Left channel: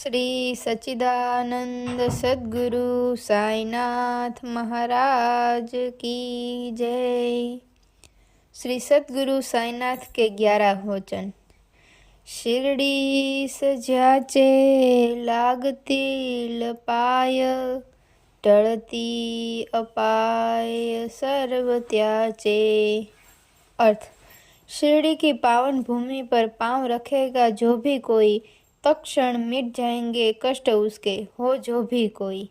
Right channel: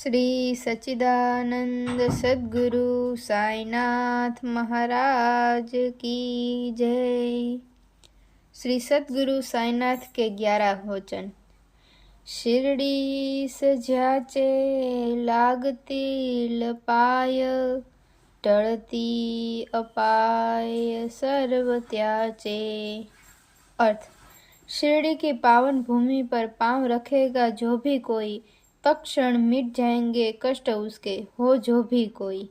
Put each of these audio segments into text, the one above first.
श्री सच्चिदानंद सद्गुरु साईनाथ महाराज की जय। श्री सद्गुरु साईनाथ के 11 वचन। शिरडी सजाचे लागती लपाय, टळती अपाय सर्व त्याचे। अर्थ, शिरडी की पावन भूमि पर पांव रखेगा जो भी कोई, तत्क्षण मिट जाएंगे कष्ट उसके, हो जो भी कोई।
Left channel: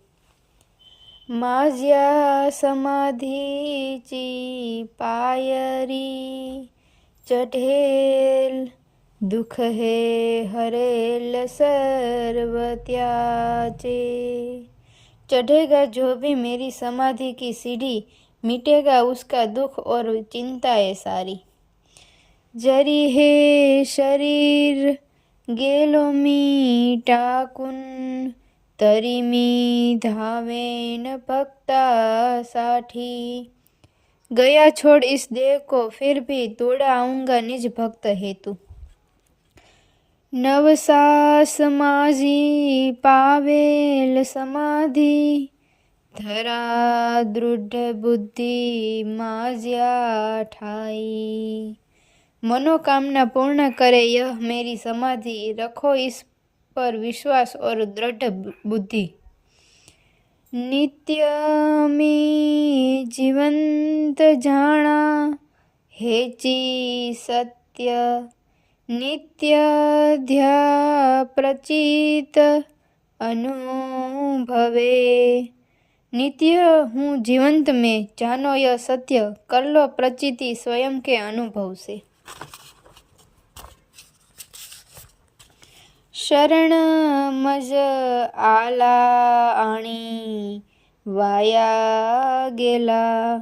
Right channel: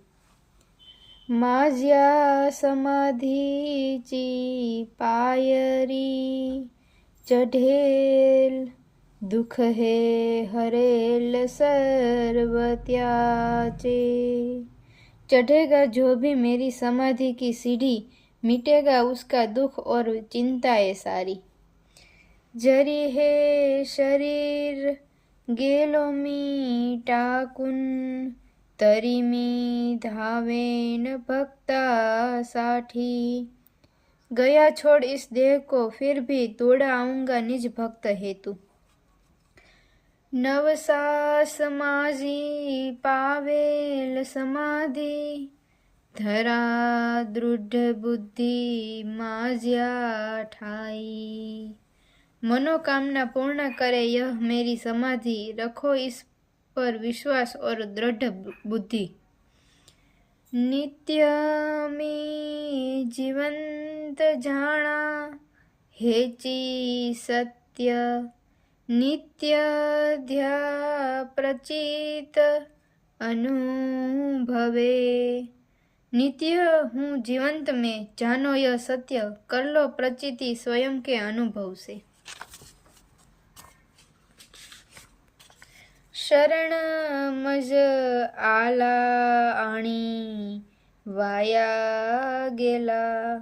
माझ्या समाधीची पायरी, चढेल दुख हे हरेल सर्व त्याचे। चढ़ेगा जो भी मेरी समाधि की सीढ़ी, मिटेगा उसका दुख और चिंताएं सारी। जरी हे शरीर गेलो मी टाकून, तरी मी धावेन भक्तासाठी। गया छोड़ इस देह को फिर भी दौड़ा आऊंगा निज भक्त हेतु। नवसास माझी पावेल समाधी, धरा दृढ़ बुद्धि माझ्या ठाई। मनोकामना पूर्ण करे यह मेरी समाधि, रखो इस पर विश्वास और दृढ़ बुद्धि। नित्य मी जीवंत जाना हेची सत्य, नित्य ध्या प्रचित अनुभवे। नित्य हूँ जीवंत में, जानो यह सत्य, कर लो प्रचिति स्वयं के अनुभव से। शरण मज आला आणि वाया गेला,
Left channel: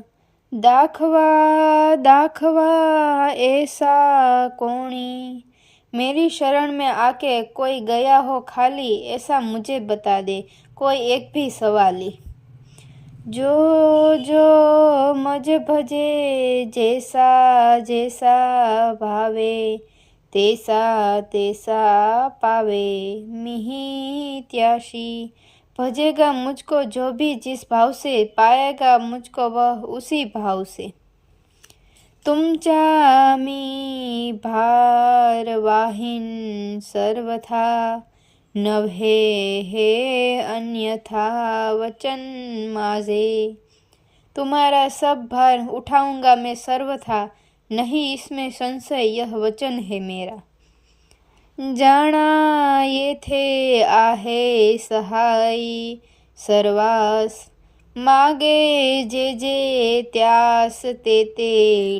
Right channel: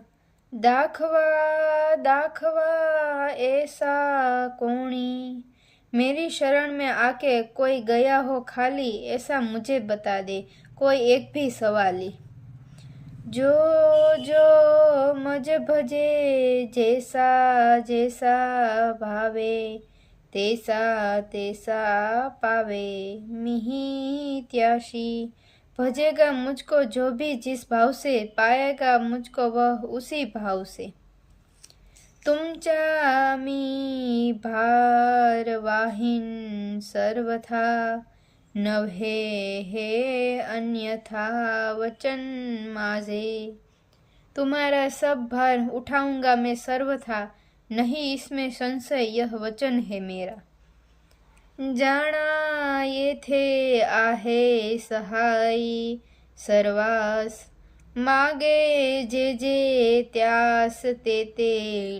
दाखवा दाखवा ऐसा कोणी। मेरी शरण में आके कोई गया हो खाली, ऐसा मुझे बता दे कोई एक भी सवाली। जो जो मज भजे जैसा जैसा भावे, तेसा तेसा पावे मिही त्याशी। भजेगा मुझको जो भी जिस भाव से, पाएगा मुझको वह उसी भाव से। तुमचा मी भारवाहिन सर्वथा, नभे हे अन्यथा वचन माझे। तुम्हारा सब भार उठाऊंगा मैं सर्वथा, नहीं इसमें संशय यह वचन है मेरा। जाना ये थे आहे सहाई सर्वास, मागे जे जे त्यास ते ते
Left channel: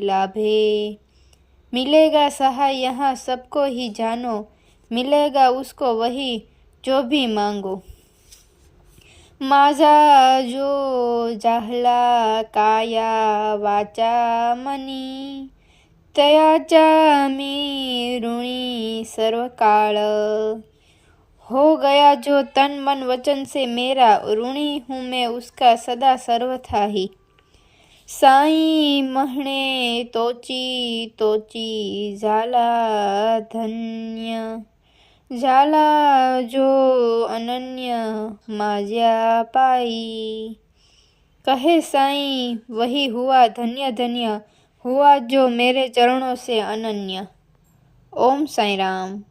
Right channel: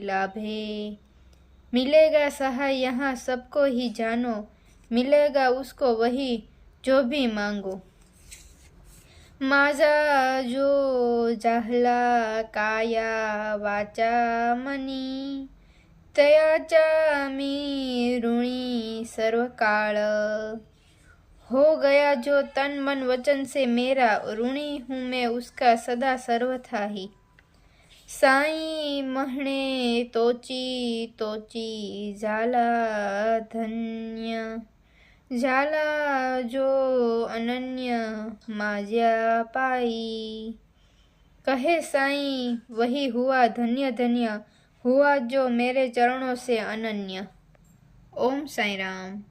लाभे। मिलेगा सहाय यहाँ सबको ही जानो, मिलेगा उसको वही जो भी मांगो। माझा जो जाहला काया वाचा मनी, तयाचा मी ऋणी सर्वकाळ। हो गया जो तन मन वचन से मेरा, ऋणी हूँ मैं उसका सदा सर्वथा ही। साई महणे तोची तोची झाला धन्य, झाला जो अनन्य माझ्या पाई। कहे साई वही हुआ धन्य धन्य, हुआ जो मेरे चरणों से अनन्य। ओम साई राम।